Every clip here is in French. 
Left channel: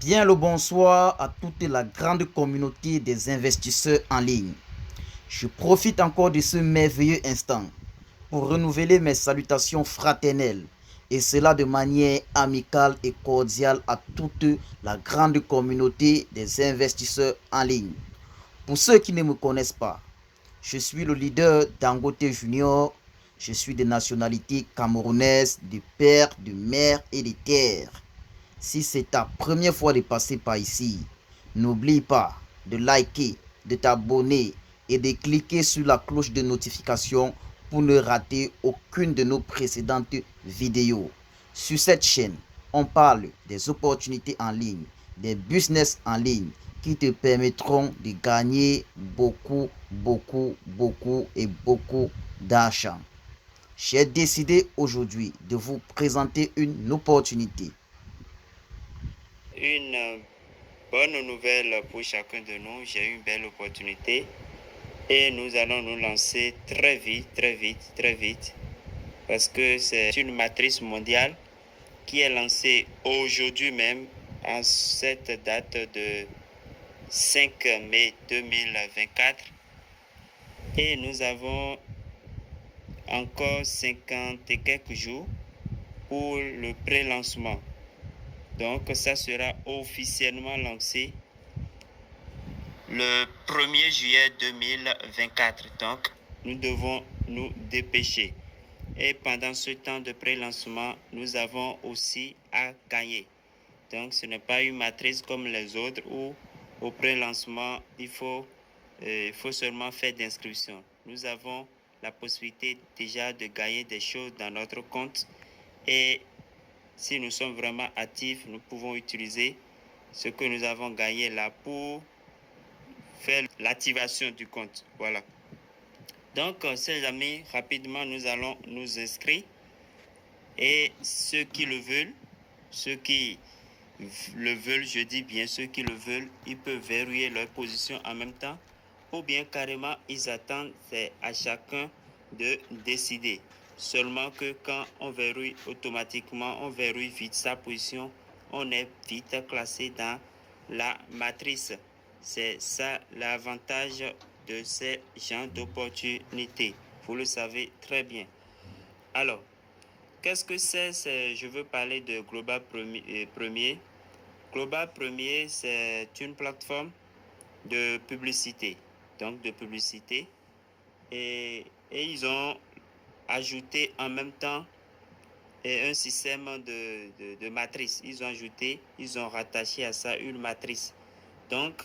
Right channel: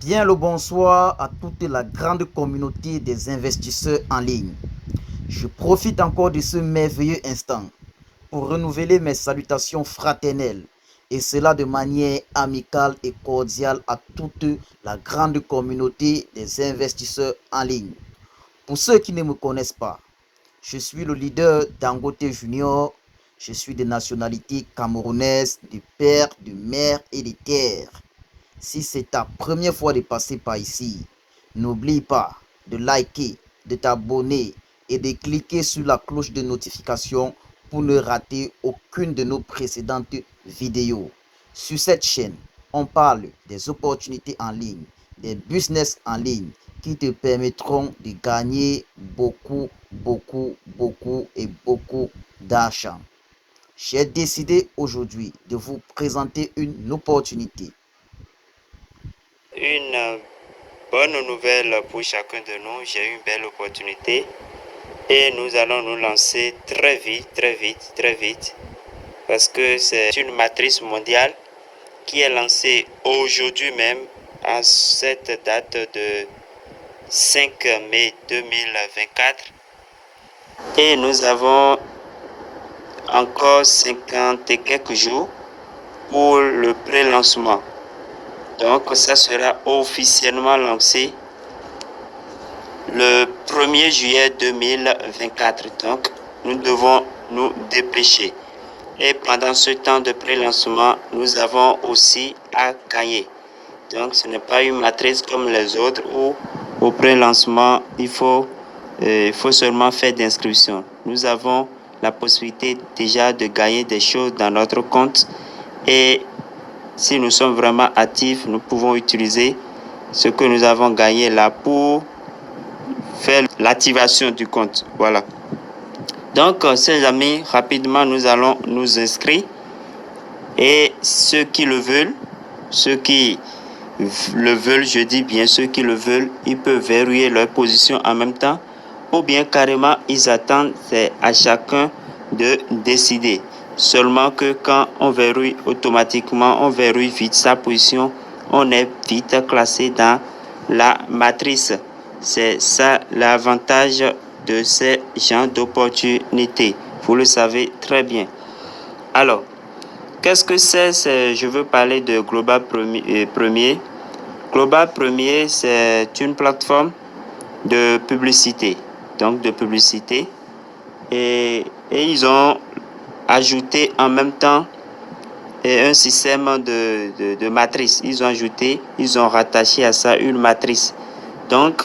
Bien le bonsoir à toute la grande communauté des investisseurs en ligne. Je profite encore de ce merveilleux instant pour renouveler mes salutations fraternelles et cela de manière amicale et cordiale à toute la grande communauté des investisseurs en ligne. Pour ceux qui ne me connaissent pas, je suis le leader Dangote Junior. Je suis de nationalité camerounaise, de père, de mère et de terre. Si c'est ta première fois de passer par ici, n'oublie pas de liker, de t'abonner et de cliquer sur la cloche de notification pour ne rater aucune de nos précédentes vidéos. Sur cette chaîne, on parle des opportunités en ligne, des business en ligne qui te permettront de gagner beaucoup et beaucoup d'argent. J'ai décidé aujourd'hui de vous présenter une opportunité. Une bonne nouvelle pour chacun de nous. J'ai eu une belle opportunité et nous allons nous lancer très vite parce que c'est une matrice mondiale qui est lancée aujourd'hui même à cette date de 5 mai 2024 et nous avons encore 50 et quelques jours pour le pré-lancement. Donc ça sera officiellement lancé le 1er juillet 2024. Donc nous devons nous dépêcher. Et pendant ce temps de pré-lancement, nous avons aussi à gagner. Donc ce n'est pas une matrice comme les autres où au pré-lancement, il faut seulement faire d'inscription. Nous avons la possibilité déjà de gagner des choses dans notre compte et si nous sommes vraiment actifs, nous pouvons utiliser ce que nous avons gagné là pour faire l'activation du compte. Voilà. Donc, chers amis, rapidement, nous allons nous inscrire. Et ceux qui le veulent, je dis bien ceux qui le veulent, ils peuvent verrouiller leur position en même temps. Ou bien carrément, ils attendent, c'est à chacun de décider. Seulement que quand on verrouille automatiquement, on verrouille vite sa position, on est vite classé dans la matrice. C'est ça l'avantage de ces genres d'opportunités. Vous le savez très bien. Alors, qu'est-ce que c'est? Je veux parler de Global Premier. Global Premier, c'est une plateforme de publicité. Donc, de publicité. Et ils ont ajouté en même temps un système de matrice. Ils ont rattaché à ça une matrice. Donc,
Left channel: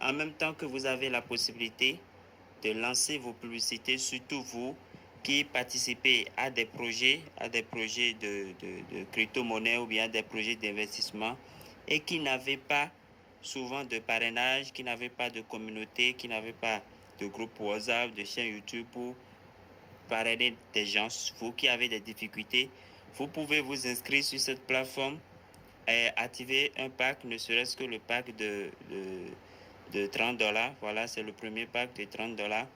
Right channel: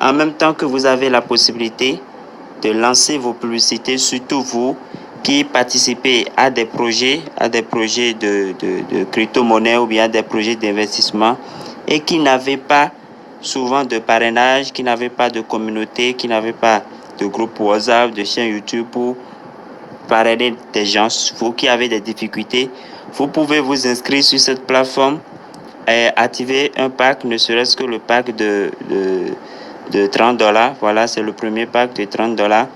en même temps que vous avez la possibilité de lancer vos publicités, surtout vous qui participez à des projets de crypto-monnaie ou bien des projets d'investissement et qui n'avaient pas souvent de parrainage, qui n'avaient pas de communauté, qui n'avaient pas de groupe WhatsApp, de chaîne YouTube pour parrainer des gens, vous qui avez des difficultés, vous pouvez vous inscrire sur cette plateforme et activer un pack, ne serait-ce que le pack de 30 dollars. Voilà, c'est le premier pack de 30 dollars.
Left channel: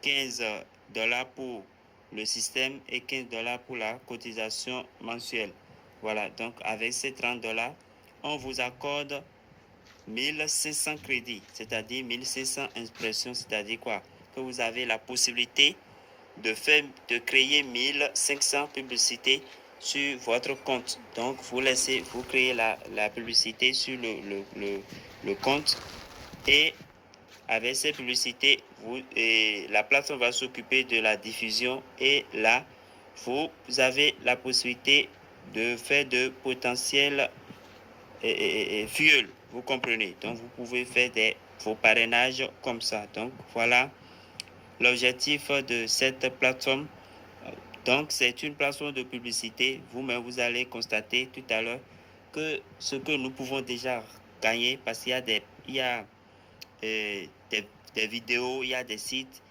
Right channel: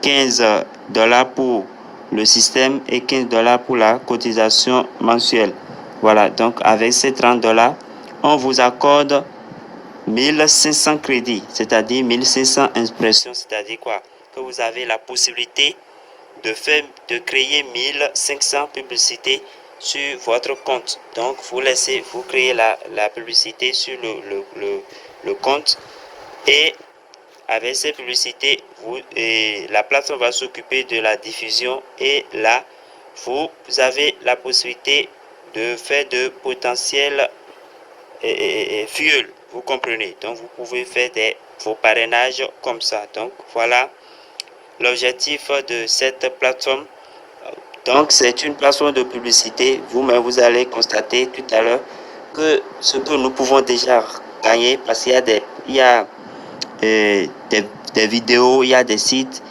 15 dollars pour le système et 15 dollars pour la cotisation mensuelle. Voilà, donc avec ces 30 dollars, on vous accorde 1500 crédits, c'est-à-dire 1500 impressions, c'est-à-dire quoi? Que vous avez la possibilité de créer 1500 publicités sur votre compte. Donc, vous créez la publicité sur le compte et avec ces publicités, la plateforme va s'occuper de la diffusion et là, vous avez la possibilité de faire de potentiels fuel, vous comprenez. Donc, vous pouvez faire vos parrainages comme ça. Donc, voilà l'objectif de cette plateforme. Donc, c'est une plateforme de publicité. Vous-même, vous allez constater tout à l'heure que ce que nous pouvons déjà gagner, parce qu'il y a des vidéos, il y a des sites,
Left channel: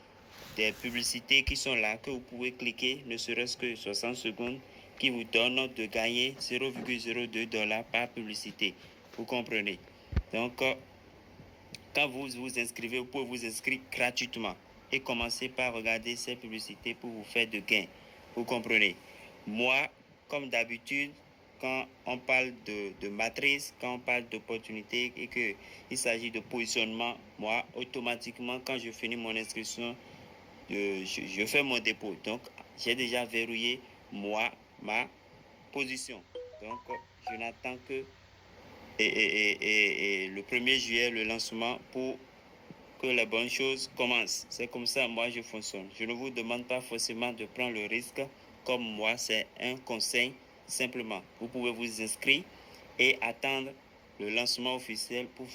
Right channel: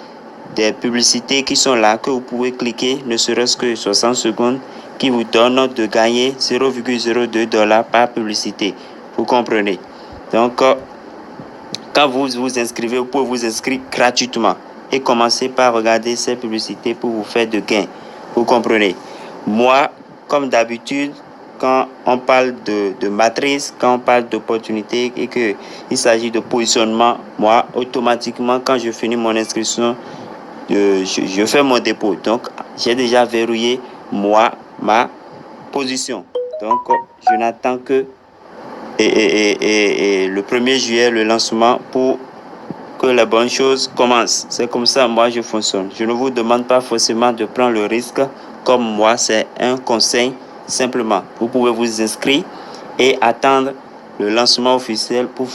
des publicités qui sont là, que vous pouvez cliquer, ne serait-ce que 60 secondes, qui vous donnent de gagner 0,02 dollars par publicité. Vous comprenez? Donc, quand vous vous inscrivez, vous pouvez vous inscrire gratuitement et commencer par regarder ces publicités pour vous faire de gains. Vous comprenez? Moi, comme d'habitude, quand on parle de matrice, quand on parle d'opportunité et qu'il s'agit de positionnement, moi, automatiquement, quand je finis mon inscription, je fais mon dépôt. Donc, j'ai déjà verrouillé, moi, ma position. Donc, je n'attends que le 1er juillet, le lancement pour que les bonnes choses commencent. C'est comme ça, moi, je fonctionne. Je ne vous demande pas forcément de prendre le risque comme moi. C'est un conseil simplement. Vous pouvez vous inscrire et attendre le lancement officiel pour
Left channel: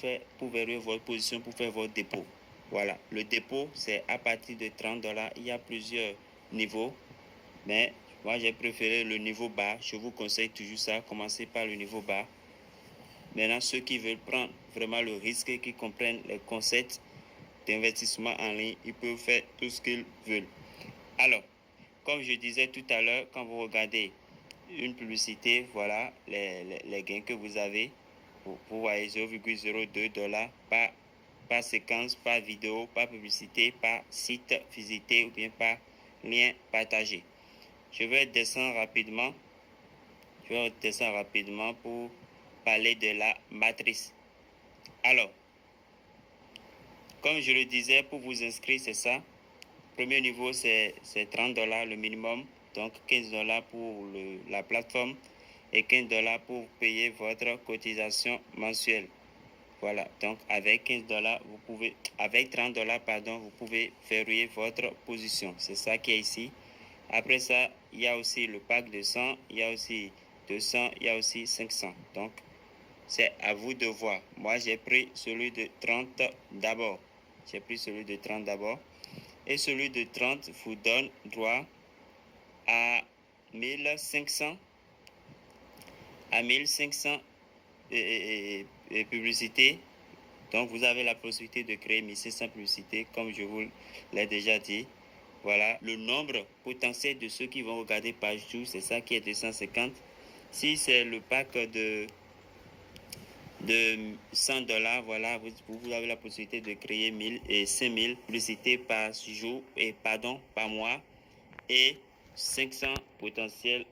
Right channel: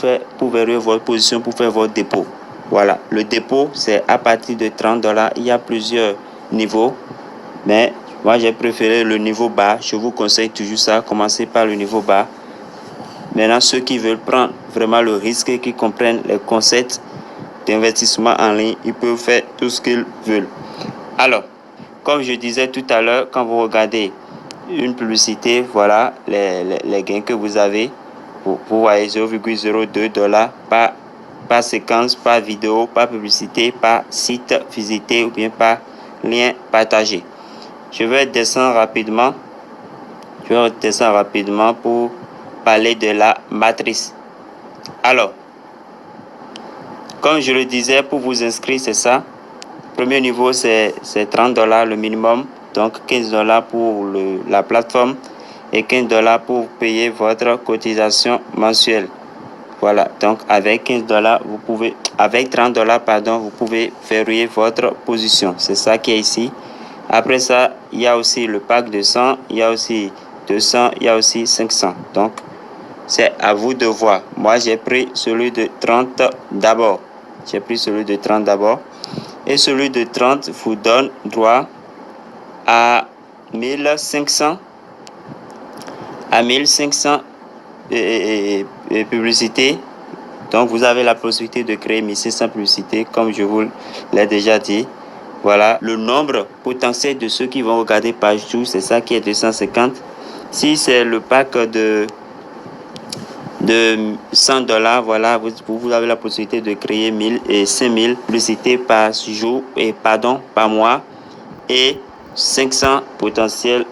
verrouiller votre position, pour faire votre dépôt. Voilà. Le dépôt, c'est à partir de $30. Il y a plusieurs niveaux. Mais moi, j'ai préféré le niveau bas. Je vous conseille toujours ça. Commencez par le niveau bas. Maintenant, ceux qui veulent prendre vraiment le risque et qui comprennent les concepts d'investissement en ligne, ils peuvent faire tout ce qu'ils veulent. Alors, comme je disais tout à l'heure, quand vous regardez une publicité, voilà les gains que vous avez. Vous voyez $0,02 par séquence, par vidéo, par publicité, par site visité ou bien par lien partagé. Je vais descendre rapidement. Pour parler de la matrice. Alors, comme je le disais, pour vous inscrire, c'est ça. Premier niveau, c'est $30 le minimum. Donc, $15 pour la plateforme et $15 pour payer votre cotisation mensuelle. Voilà. Donc, avec $15, avec $30, vous pouvez verrouiller votre position. C'est ça qui est ici. Après ça, il y a aussi le pack de 100, il y a aussi 200, il y a aussi 500. Donc, c'est à vous de voir. Moi, j'ai pris celui de 30 d'abord. Et celui de 30 vous donne droit à 1500 publicités. Donc, vous avez la possibilité de créer 1600 publicités, comme je vous l'ai déjà dit. Voilà, le nombre potentiel de ceux qui vont regarder page tout, c'est ça qui est 250. Si c'est le pack de $100, voilà, vous avez la possibilité de créer 1000 et 5000 publicités par jour par mois et 500 potentiels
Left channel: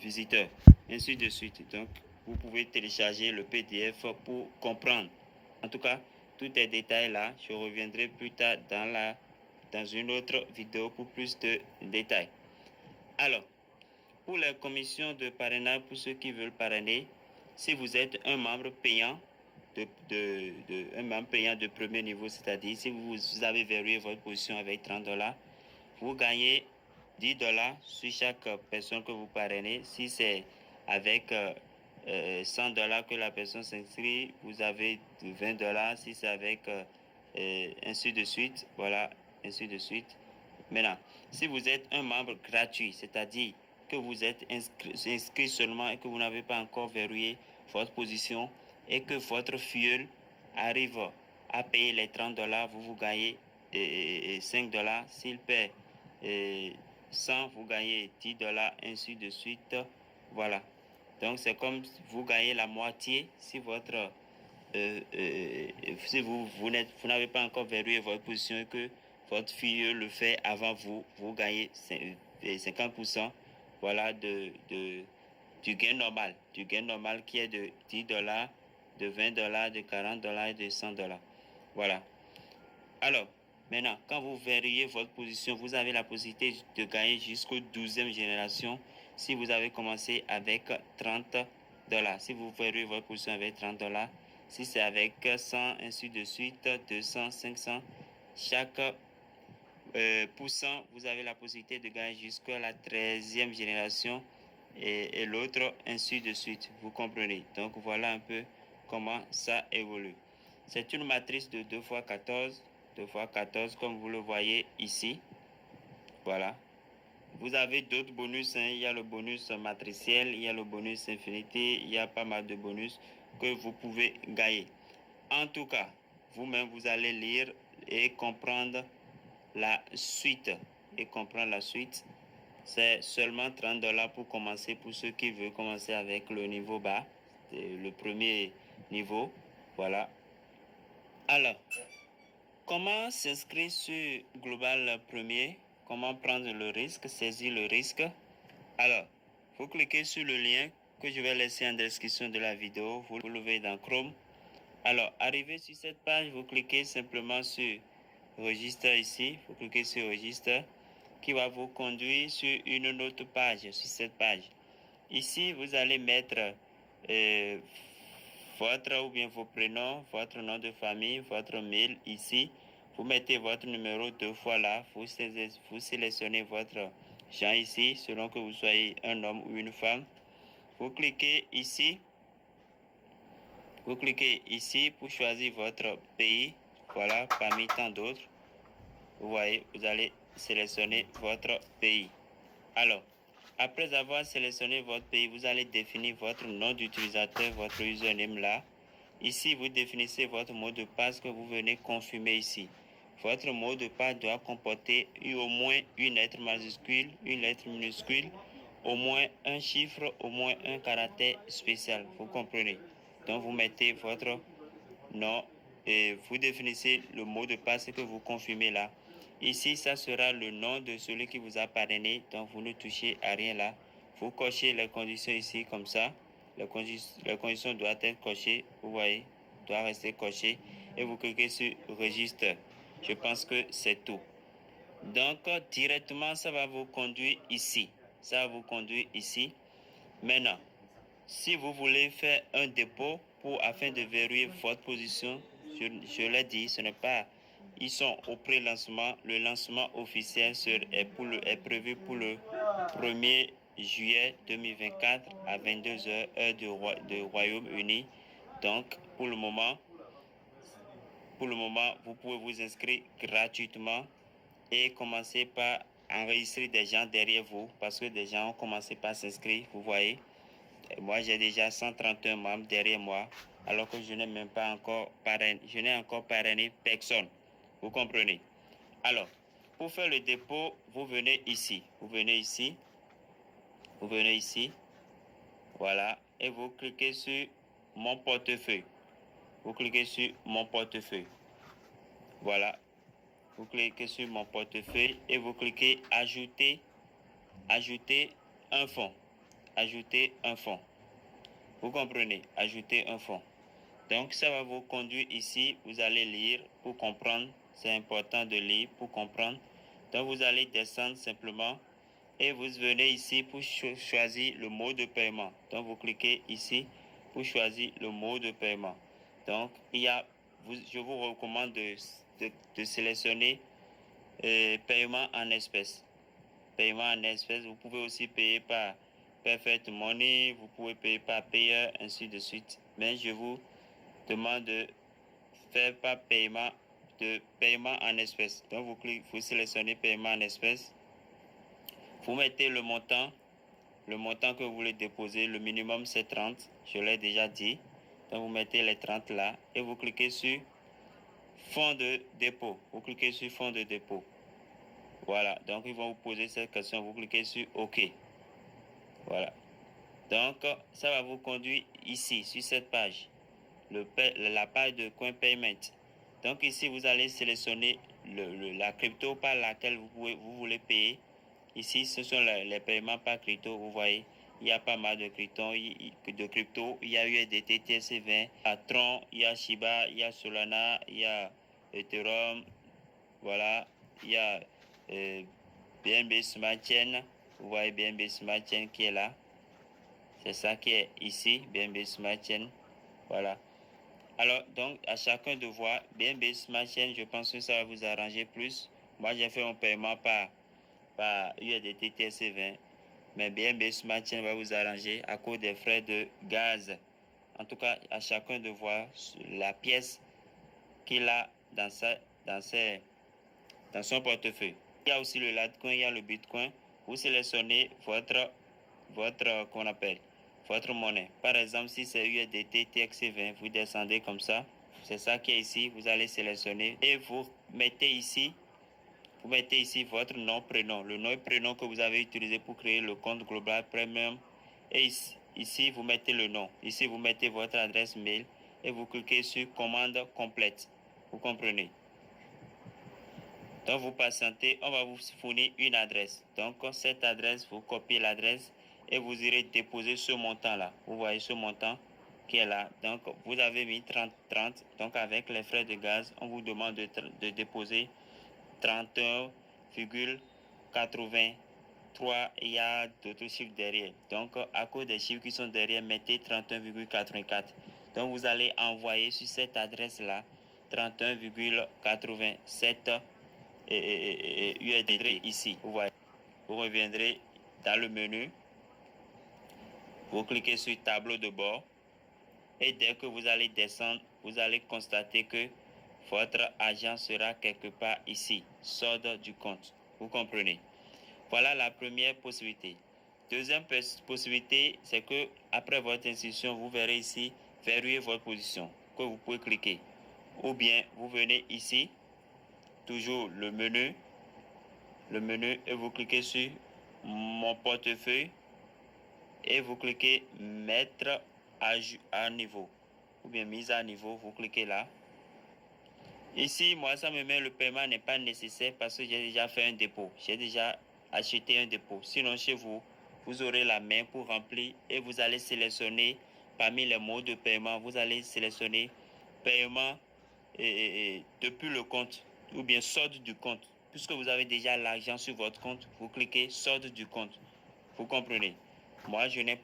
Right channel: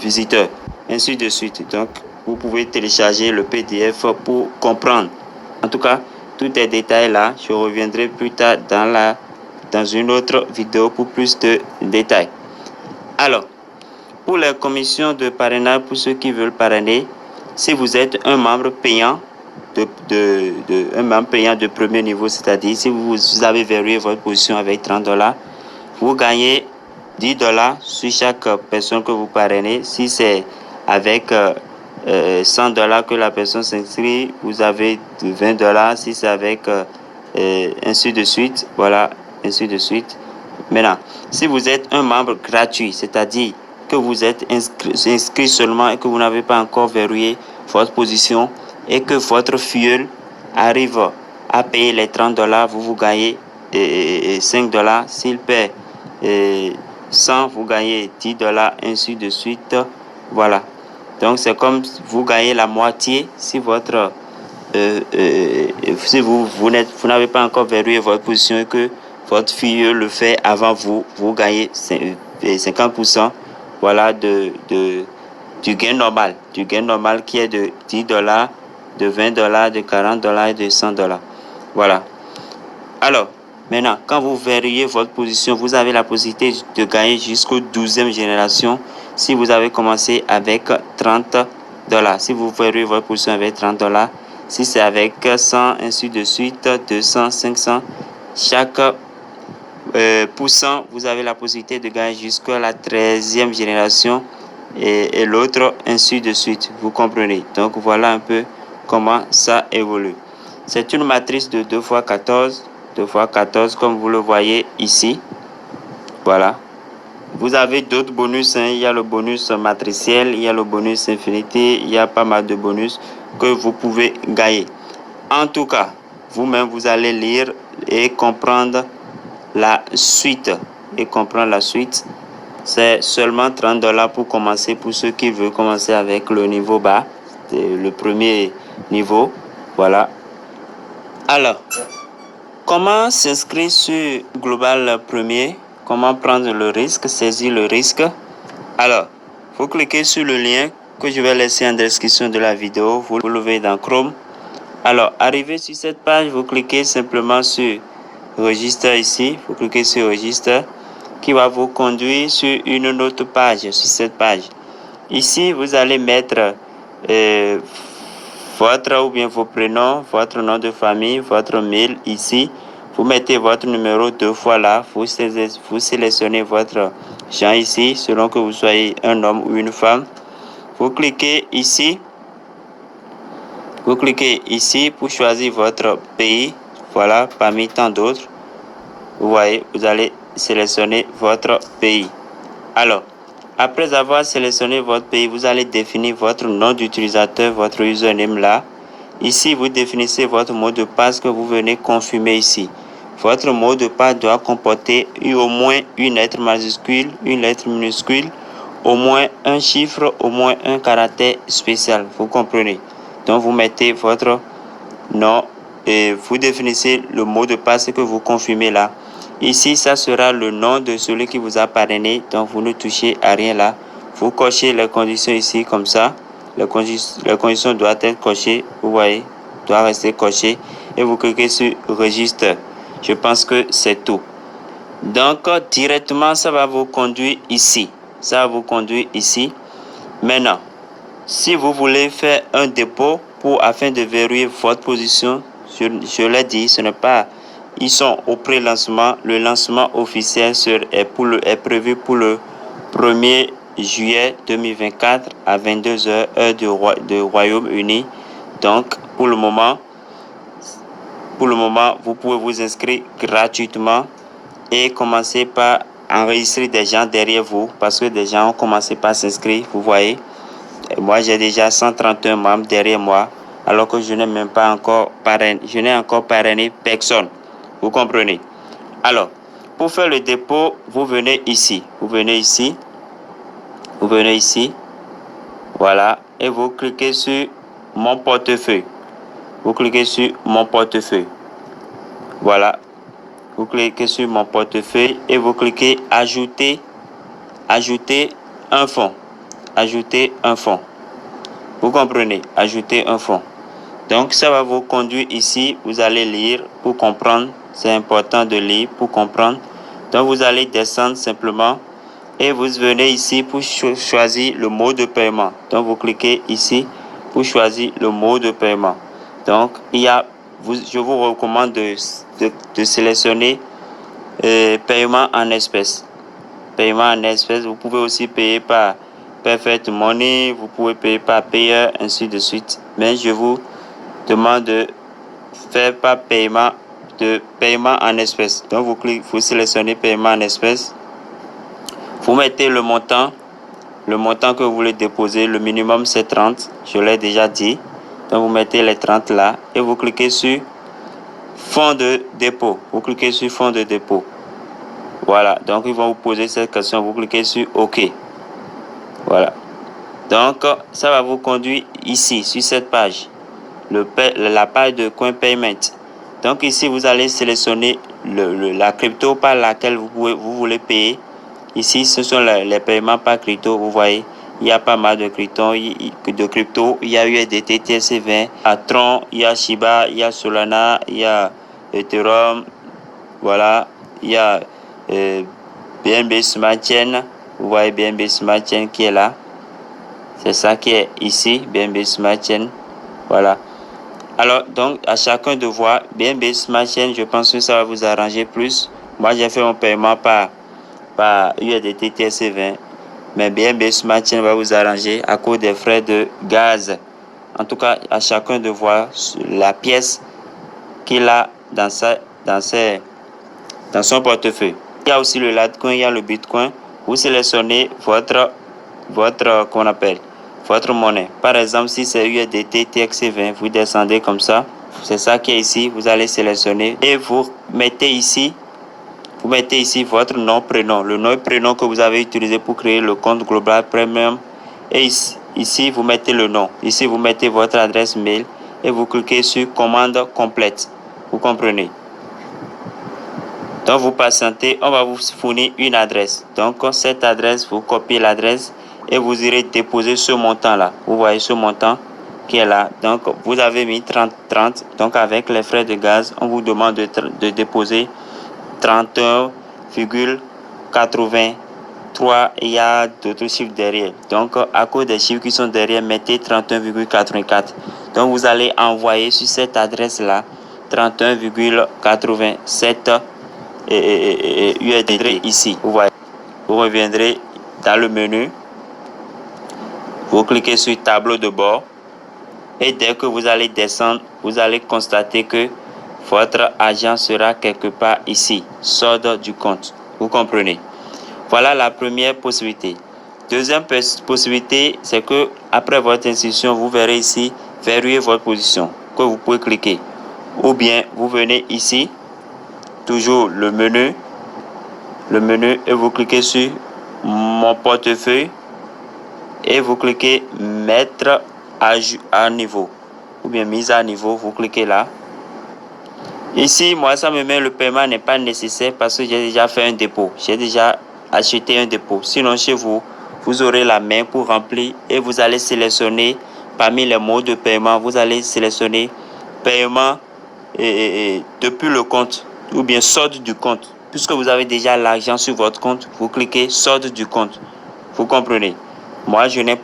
visiteurs, ainsi de suite. Donc, vous pouvez télécharger le PDF pour comprendre. En tout cas, tous les détails là, je reviendrai plus tard dans une autre vidéo pour plus de détails. Alors, pour les commissions de parrainage, pour ceux qui veulent parrainer, si vous êtes un membre payant de premier niveau, c'est-à-dire si vous avez verrouillé votre position avec $30, vous gagnez $10 sur chaque personne que vous parrainez. Si c'est avec $100 que la personne s'inscrit, vous avez $20. Si c'est avec ainsi de suite, voilà, ainsi de suite. Maintenant, si vous êtes un membre gratuit, c'est-à-dire que vous êtes inscrit seulement et que vous n'avez pas encore verrouillé votre position et que votre filleul arrive à payer les $30, vous gagnez $5. S'il paie 100, vous gagnez $10, ainsi de suite. Voilà. Donc, c'est comme vous gagnez la moitié si si vous n'avez pas encore verrouillé votre position et que votre fille le fait avant vous, vous gagnez 50%, voilà, du gain normal. Du gain normal qui est de $10, de $20, de $40 et de $100. Voilà. Alors, maintenant, quand vous verrouillez votre position, vous avez la possibilité de gagner jusqu'au 12e génération si vous avez commencé avec $30. Si vous verrouillez votre position avec $30, si c'est avec 100, ainsi de suite, 200, 500, chaque pourcent, vous avez la possibilité de gagner jusqu'à la 13e génération et l'autre, ainsi de suite. Vous comprenez? Donc, voilà un peu comment ça évolue. C'est une matrice de 2x14. 2x14 comme vous le voyez ici. Voilà. Vous avez d'autres bonus. Il y a le bonus matriciel, il y a le bonus infinité, il y a pas mal de bonus que vous pouvez gagner. En tout cas, vous-même, vous allez lire et comprendre la suite. C'est seulement $30 pour commencer, pour ceux qui veulent commencer avec le niveau bas, le premier niveau. Voilà. Alors, comment s'inscrire sur Global Premier? Comment prendre le risque, saisir le risque? Alors, vous cliquez sur le lien que je vais laisser en description de la vidéo. Vous le verrez dans Chrome. Alors, arrivé sur cette page, vous cliquez simplement sur Registre ici. Vous cliquez sur Registre qui va vous conduire sur une autre page, sur cette page. Ici, vous allez mettre votre ou bien vos prénoms, votre nom de famille, votre mail ici. Vous mettez votre numéro 2 fois là. Vous sélectionnez votre genre ici, selon que vous soyez un homme ou une femme. Vous cliquez ici. Vous cliquez ici pour choisir votre pays. Voilà, parmi tant d'autres. Vous voyez, vous allez sélectionner votre pays. Alors, après avoir sélectionné votre pays, vous allez définir votre nom d'utilisateur, votre username là. Ici, vous définissez votre mot de passe que vous venez confirmer ici. Votre mot de passe doit comporter au moins une lettre majuscule, une lettre minuscule, au moins un chiffre, au moins un caractère spécial. Vous comprenez? Donc, vous mettez votre nom et vous définissez le mot de passe que vous confirmez là. Ici, ça sera le nom de celui qui vous a parrainé. Donc, vous ne touchez à rien là. Vous cochez les conditions ici comme ça. Les conditions doivent être cochées. Vous voyez, doivent rester cochées. Et vous cliquez sur Registre. Je pense que c'est tout. Donc, directement, ça va vous conduire ici. Ça va vous conduire ici. Maintenant, si vous voulez faire un dépôt afin de verrouiller votre position, je l'ai dit, ce n'est pas... Ils sont au pré-lancement. Le lancement officiel est prévu pour le 1er juillet 2024 à 22h heure de Royaume-Uni. Donc, pour le moment, vous pouvez vous inscrire gratuitement et commencer par enregistrer des gens derrière vous parce que des gens ont commencé par s'inscrire, vous voyez. Et moi, j'ai déjà 131 membres derrière moi alors que je n'ai même pas encore parrainé personne. Vous comprenez? Alors, pour faire le dépôt, vous venez ici. Vous venez ici. Voilà. Et vous cliquez sur mon portefeuille. Voilà. Vous cliquez sur mon portefeuille et vous cliquez ajouter un fonds. Vous comprenez? Ajouter un fonds. Donc, ça va vous conduire ici. Vous allez lire pour comprendre. C'est important de lire pour comprendre. Donc, vous allez descendre simplement et vous venez ici pour choisir le mode de paiement. Donc, vous cliquez ici pour choisir le mode de paiement. Donc, je vous recommande de sélectionner paiement en espèces. Vous pouvez aussi payer par Perfect Money, vous pouvez payer par Payer, ainsi de suite. Mais je vous demande de faire par paiement en espèces. Donc vous sélectionnez paiement en espèces. Vous mettez le montant que vous voulez déposer. Le minimum c'est 30, je l'ai déjà dit. Donc vous mettez les 30 là et vous cliquez sur fonds de dépôt. Voilà, donc ils vont vous poser cette question, vous cliquez sur OK. Voilà. Donc ça va vous conduire ici sur cette page. La page de Coin Payment. Donc ici, vous allez sélectionner la crypto par laquelle vous voulez payer. Ici, ce sont les paiements par crypto. Vous voyez, il y a pas mal de crypto. Il y a USDT, TRC20, il y a Tron, il y a Shiba, il y a Solana, il y a Ethereum. Voilà, il y a BNB Smart Chain. Vous voyez BNB Smart Chain qui est là. C'est ça qui est ici, BNB Smart Chain. Voilà. Alors, donc, à chacun de voir, BNB Smart Chain, je pense que ça va vous arranger plus. Moi, j'ai fait mon paiement par USDT TRC20. Mais BNB Smart Chain va vous arranger à cause des frais de gaz. En tout cas, à chacun de voir la pièce qu'il a dans son portefeuille. Il y a aussi le Litecoin, il y a le Bitcoin. Vous sélectionnez votre monnaie. Par exemple, si c'est USDT TXC20, vous descendez comme ça. C'est ça qui est ici. Vous allez sélectionner et vous mettez ici votre nom, prénom. Le nom et prénom que vous avez utilisé pour créer le compte Global Premium. Et ici, vous mettez le nom. Ici, vous mettez votre adresse mail et vous cliquez sur commande complète. Vous comprenez? Donc, vous patientez, on va vous fournir une adresse. Donc, cette adresse, vous copiez l'adresse et vous irez déposer ce montant-là. Vous voyez ce montant qui est là. Donc, vous avez mis 30. Donc, avec les frais de gaz, on vous demande de déposer 31,83. Il y a d'autres chiffres derrière. Donc, à cause des chiffres qui sont derrière, mettez 31,84. Donc, vous allez envoyer sur cette adresse-là 31,87 USD ici. Vous voyez. Vous reviendrez dans le menu. Vous cliquez sur tableau de bord. Et dès que vous allez descendre, vous allez constater que votre argent sera quelque part ici, solde du compte. Vous comprenez? Voilà la première possibilité. Deuxième possibilité, c'est que après votre inscription, vous verrez ici verrouiller votre position que vous pouvez cliquer. Ou bien vous venez ici, toujours le menu et vous cliquez sur mon portefeuille et vous cliquez mettre à niveau ou bien mise à niveau, vous cliquez là. Ici, moi, ça me met le paiement n'est pas nécessaire parce que j'ai déjà fait un dépôt. J'ai déjà acheté un dépôt. Sinon, chez vous, vous aurez la main pour remplir et vous allez sélectionner parmi les modes de paiement, vous allez sélectionner paiement depuis le compte ou bien solde du compte. Puisque vous avez déjà l'argent sur votre compte, vous cliquez solde du compte. Vous comprenez? Moi, je n'ai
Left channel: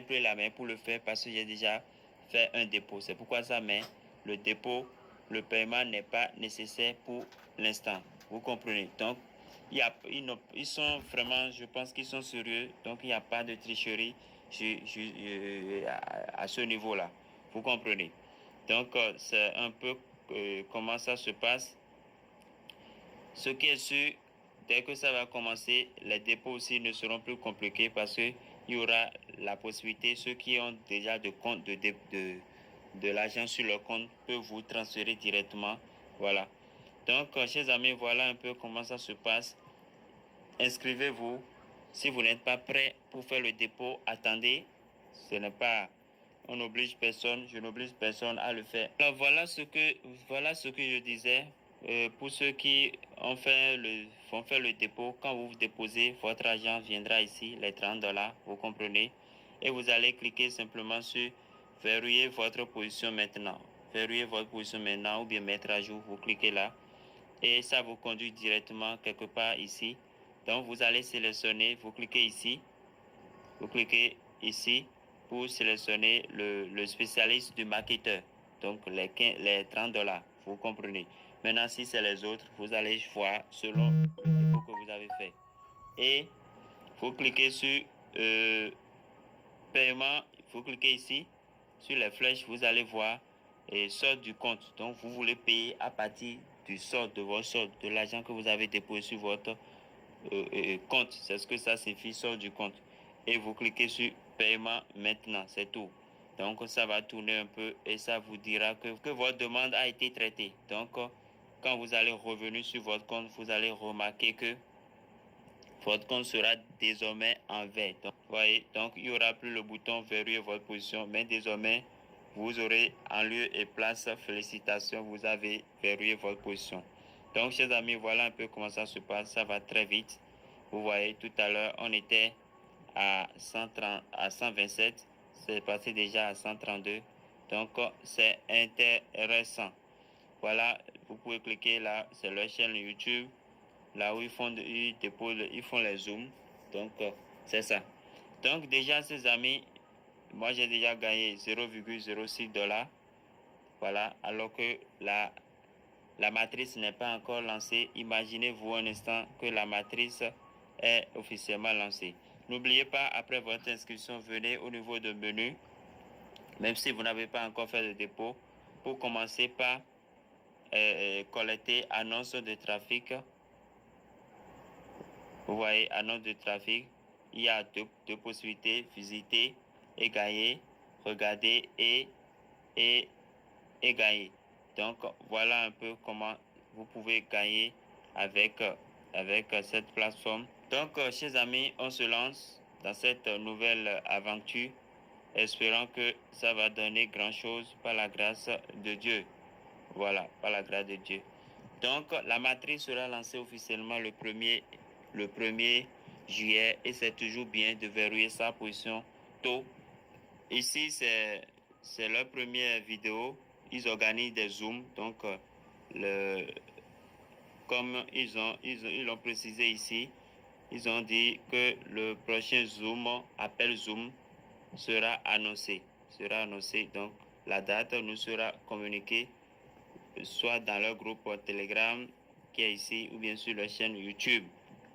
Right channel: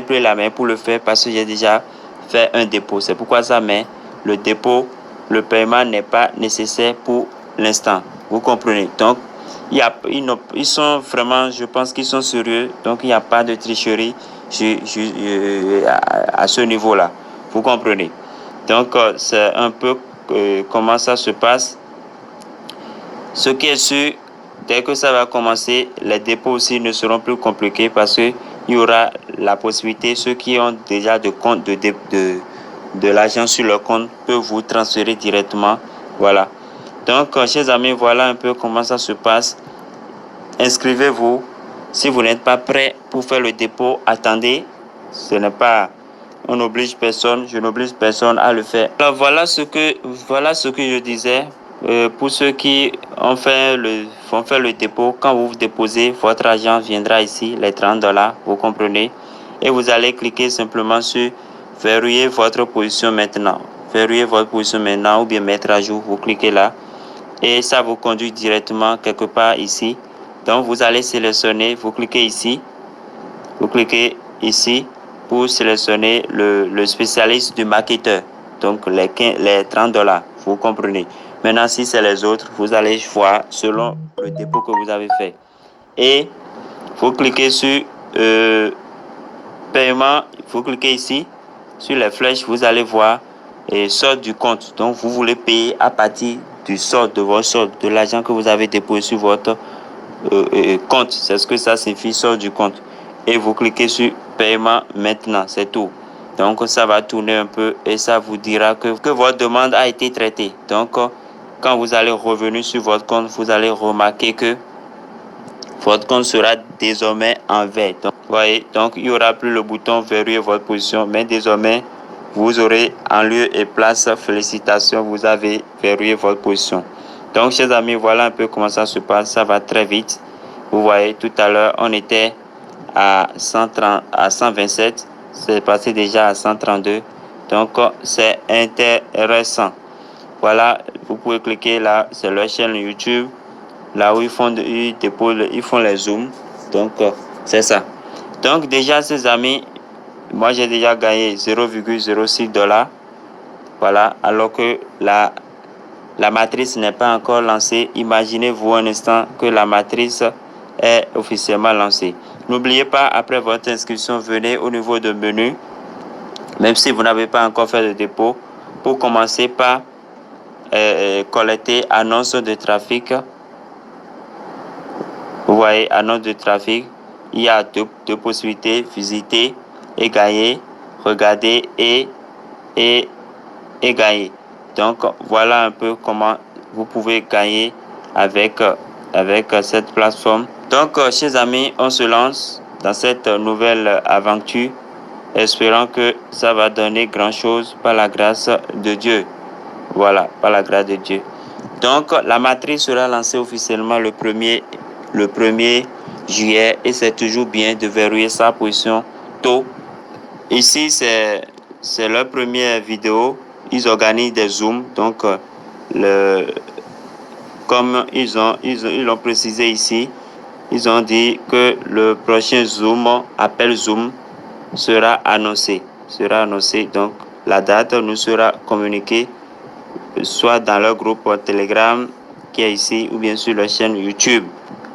plus la main pour le faire parce que j'ai déjà fait un dépôt. C'est pourquoi ça met le dépôt, le paiement n'est pas nécessaire pour l'instant. Vous comprenez? Donc, ils sont vraiment, je pense qu'ils sont sérieux. Donc, il n'y a pas de tricherie à ce niveau-là. Vous comprenez? Donc, c'est un peu comment ça se passe. Ce qui est sûr, dès que ça va commencer, les dépôts aussi ne seront plus compliqués parce qu'il y aura la possibilité, ceux qui ont déjà de l'argent sur leur compte peuvent vous transférer directement. Voilà. Donc, chers amis, voilà un peu comment ça se passe. Inscrivez-vous. Si vous n'êtes pas prêt pour faire le dépôt, attendez. On n'oblige personne, je n'oblige personne à le faire. Alors voilà ce que je disais. Pour ceux qui font faire le dépôt, quand vous déposez, votre argent viendra ici, les $30, vous comprenez. Et vous allez cliquer simplement sur verrouiller votre position maintenant. Verrouiller votre position maintenant ou bien mettre à jour, vous cliquez là. Et ça vous conduit directement quelque part ici. Donc vous allez sélectionner, vous cliquez ici. Vous cliquez ici pour sélectionner le spécialiste du marketeur. Donc les $30, vous comprenez. Maintenant, si c'est les autres, vous allez voir selon le dépôt que vous avez fait. Et vous cliquez sur paiement, vous cliquez ici sur les flèches, vous allez voir solde du compte. Donc vous voulez payer à partir du solde de votre solde, de l'argent que vous avez déposé sur votre compte. C'est ce que ça signifie, solde du compte. Et vous cliquez sur paiement maintenant, c'est tout. Donc ça va tourner un peu et ça vous dira que votre demande a été traitée. Donc quand vous allez revenir sur votre compte, vous allez remarquer que votre compte sera désormais en vert. Donc, voyez, donc il n'y aura plus le bouton verrouiller votre position, mais désormais vous aurez en lieu et place félicitations, vous avez verrouillé votre position. Donc chers amis, voilà un peu comment ça se passe, ça va très vite. Vous voyez, tout à l'heure on était à 127, c'est passé déjà à 132. Donc c'est intéressant. Voilà, vous pouvez cliquer là, c'est leur chaîne YouTube. Là où ils font les zooms. Donc, c'est ça. Donc, déjà, ces amis, moi, j'ai déjà gagné 0,06 $. Voilà, alors que la matrice n'est pas encore lancée. Imaginez-vous un instant que la matrice est officiellement lancée. N'oubliez pas, après votre inscription, venez au niveau de menu, même si vous n'avez pas encore fait de dépôt, pour commencer par collecter annonce de trafic. Vous voyez, annonce de trafic, il y a deux possibilités, visiter et gagner, regarder et gagner. Donc, voilà un peu comment vous pouvez gagner avec cette plateforme. Donc, chers amis, on se lance dans cette nouvelle aventure, espérant que ça va donner grand-chose par la grâce de Dieu. Voilà, par la grâce de Dieu. Donc, la matrice sera lancée officiellement le 1er juillet et c'est toujours bien de verrouiller sa position tôt. Ici, c'est leur première vidéo. Ils organisent des zooms. Donc, comme ils l'ont précisé ici, ils ont dit que le prochain zoom, appel zoom, sera annoncé. Donc, la date nous sera communiquée soit dans leur groupe Telegram qui est ici ou bien sur leur chaîne YouTube.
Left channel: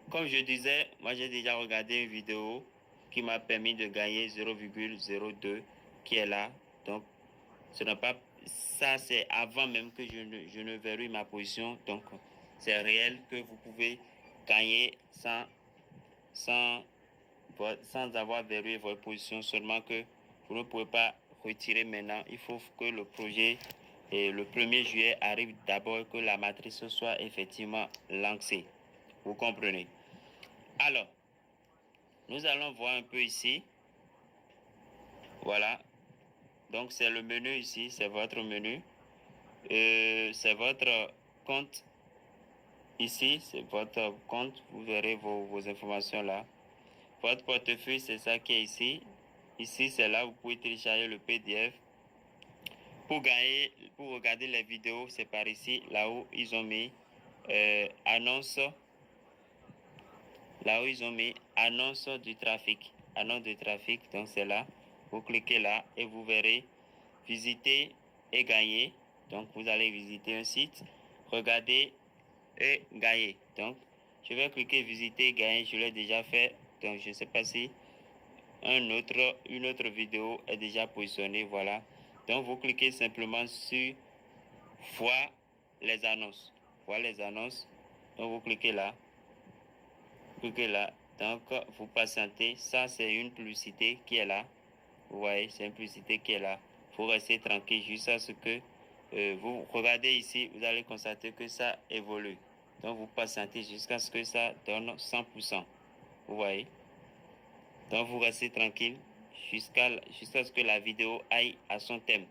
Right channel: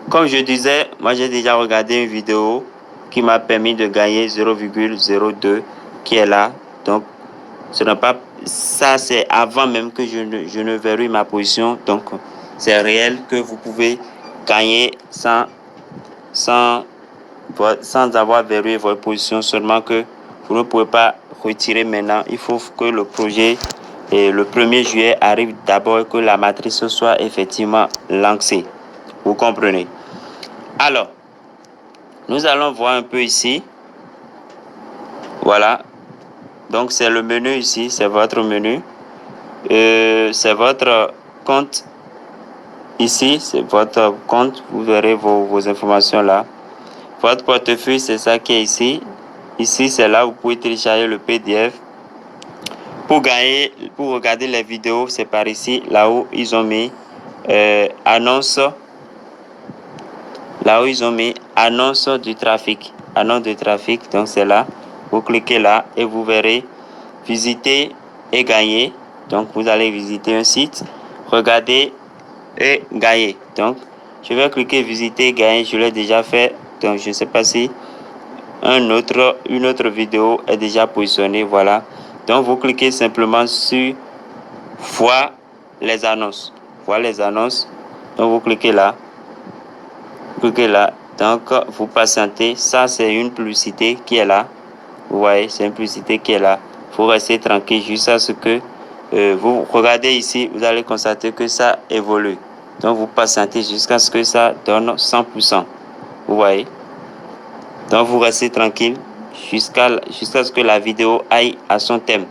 Comme je disais, moi j'ai déjà regardé une vidéo qui m'a permis de gagner 0,02 qui est là. Donc, ce n'est pas ça, c'est avant même que je ne verrouille ma position. Donc, c'est réel que vous pouvez gagner sans avoir verrouillé votre position, seulement que vous ne pouvez pas retirer maintenant. Il faut que le projet et le 1er juillet arrive d'abord et que la matrice soit effectivement lancée. Vous comprenez? Alors, nous allons voir un peu ici. Voilà. Donc, c'est le menu ici. C'est votre menu. C'est votre compte. Ici, c'est votre compte. Vous verrez vos informations là. Votre portefeuille, c'est ça qui est ici. Ici, c'est là où vous pouvez télécharger le PDF. Pour regarder les vidéos, c'est par ici, là où ils ont mis annonce. Là où ils ont mis annonce du trafic. Annonce de trafic, donc c'est là. Vous cliquez là et vous verrez visiter et gagner. Donc vous allez visiter un site, regarder et gagner. Donc je vais cliquer visiter et gagner. Je l'ai déjà fait. Donc je ne sais pas si une autre vidéo est déjà positionnée. Voilà. Donc vous cliquez simplement sur voir les annonces. Voir les annonces. Donc vous cliquez là. Cliquez là. Donc vous patientez. Ça c'est une publicité qui est là. Vous voyez, c'est une publicité qui est là. Il faut rester tranquille jusqu'à ce que vous regardez ici. Vous allez constater que ça évolue. Donc vous patientez jusqu'à ce que ça donne 100%. Vous voyez. Donc vous restez tranquille jusqu'à ce que la vidéo aille à son thème.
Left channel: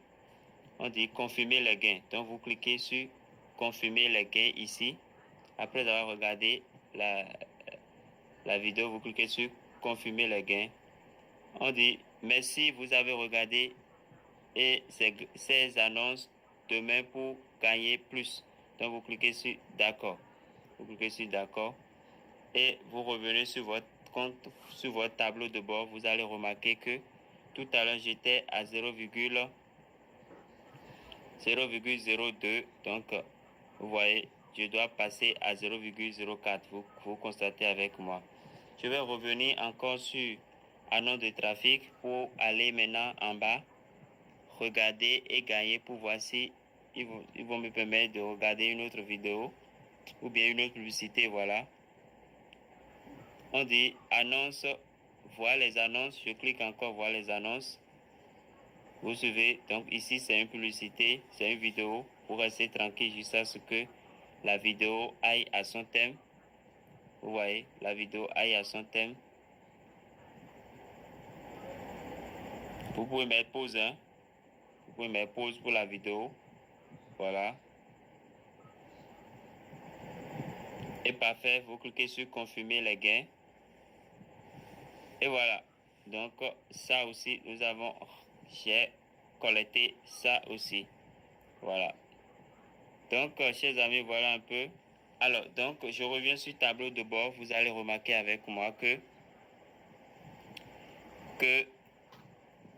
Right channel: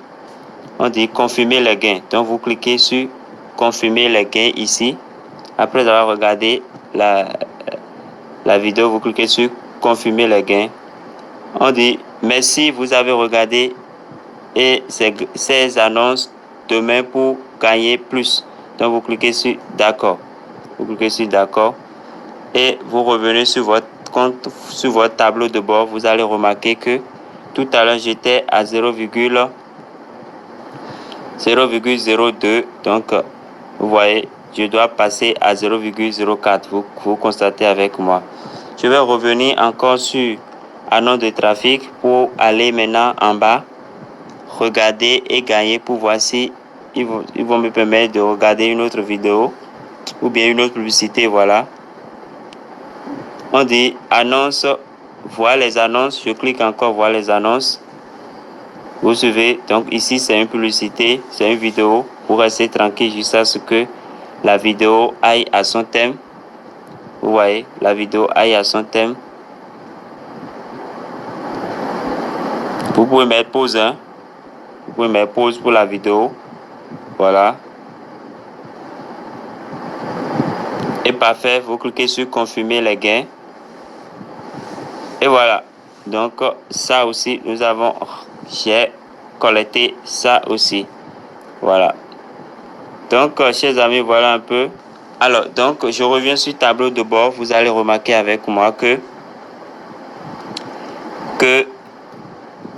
On dit confirmer les gains. Donc vous cliquez sur confirmer les gains ici. Après avoir regardé la vidéo, vous cliquez sur confirmer les gains. On dit merci, vous avez regardé et ces annonces demain pour gagner plus. Donc vous cliquez sur d'accord. Vous cliquez sur d'accord et vous revenez sur votre compte, sur votre tableau de bord. Vous allez remarquer que tout à l'heure j'étais à 0,02. Donc vous voyez, je dois passer à 0,04. Vous constatez avec moi. Je vais revenir encore sur annonce de trafic pour aller maintenant en bas, regarder et gagner pour voir si ils vont me permettre de regarder une autre vidéo ou bien une autre publicité. Voilà. On dit annonce, voir les annonces. Je clique encore voir les annonces. Vous suivez. Donc ici c'est une publicité, c'est une vidéo. Vous restez tranquille jusqu'à ce que la vidéo aille à son thème. Vous voyez, la vidéo aille à son thème. Vous pouvez mettre pause, hein. Vous pouvez mettre pause pour la vidéo. Voilà. Et parfait, vous cliquez sur confirmer les gains. Et voilà. Donc ça aussi, j'ai collecté ça aussi. Voilà. Donc, chers amis, voilà un peu. Alors, donc, je reviens sur le tableau de bord. Vous allez remarquer avec moi que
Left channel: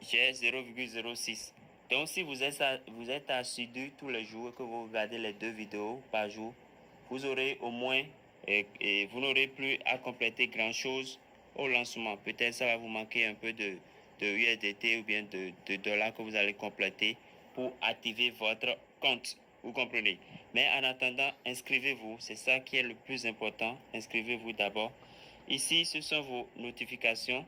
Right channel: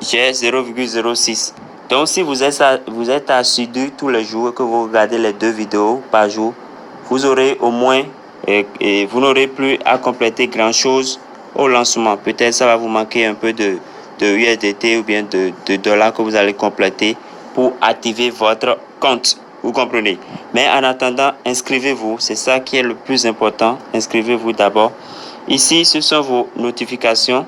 j'ai 0,06. Donc, si vous êtes assidu tous les jours et que vous regardez les 2 vidéos par jour, vous aurez au moins, et vous n'aurez plus à compléter grand-chose au lancement. Peut-être ça va vous manquer un peu de USDT ou bien de dollars que vous allez compléter pour activer votre compte. Vous comprenez? Mais en attendant, inscrivez-vous. C'est ça qui est le plus important. Inscrivez-vous d'abord. Ici, ce sont vos notifications.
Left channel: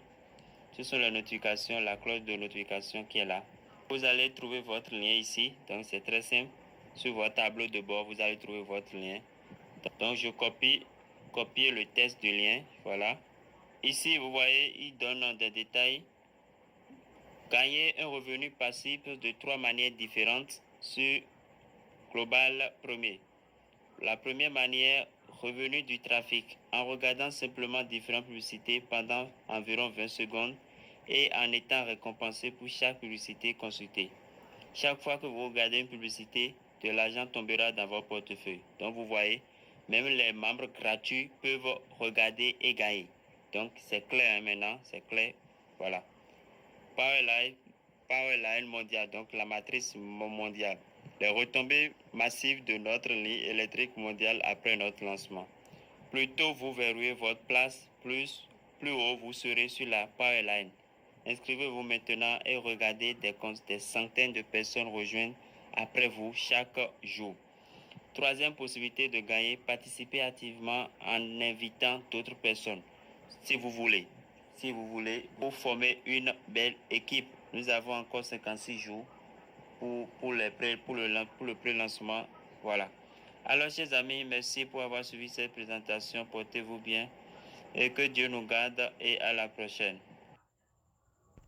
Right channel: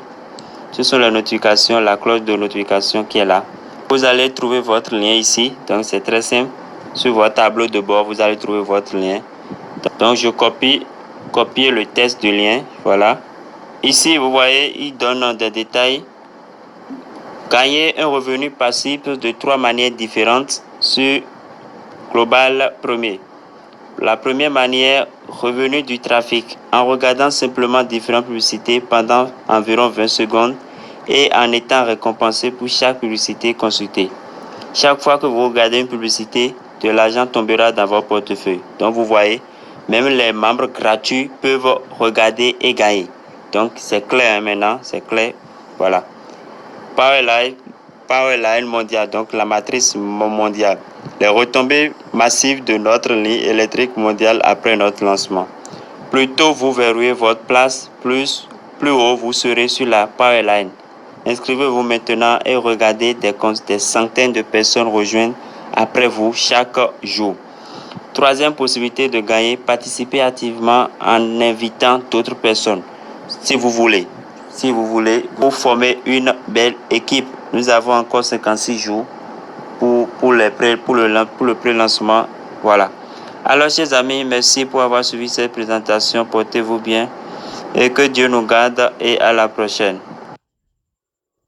Ce sont les notifications, la cloche de notification qui est là. Vous allez trouver votre lien ici. Donc, c'est très simple. Sur votre tableau de bord, vous allez trouver votre lien. Donc, je copie le texte du lien. Voilà. Ici, vous voyez, il donne des détails. Gagner un revenu passif de 3 manières différentes sur Global Premier. La première manière, revenu du trafic. En regardant simplement différentes publicités pendant environ 20 secondes et en étant récompensé pour chaque publicité consultée. Chaque fois que vous regardez une publicité, de l'argent tombera dans votre portefeuille. Donc vous voyez, même les membres gratuits peuvent regarder et gagner. Donc c'est clair maintenant, c'est clair. Voilà. Powerline mondiale, donc la matrice mondiale. Les retombées massives de notre ligne électrique mondiale après notre lancement. Plus tôt vous verrouillez votre place, plus haut vous serez sur la Powerline. Inscrivez-vous maintenant et regardez des centaines de personnes rejoindre après vous chaque jour. Troisième possibilité de gagner, participez activement en invitant d'autres personnes. Si vous voulez, vous formez une belle équipe. Nous avons encore 56 jours pour le pré-lancement. Voilà. Alors, chers amis, merci pour avoir suivi cette présentation. Portez-vous bien et que Dieu nous garde et à la prochaine.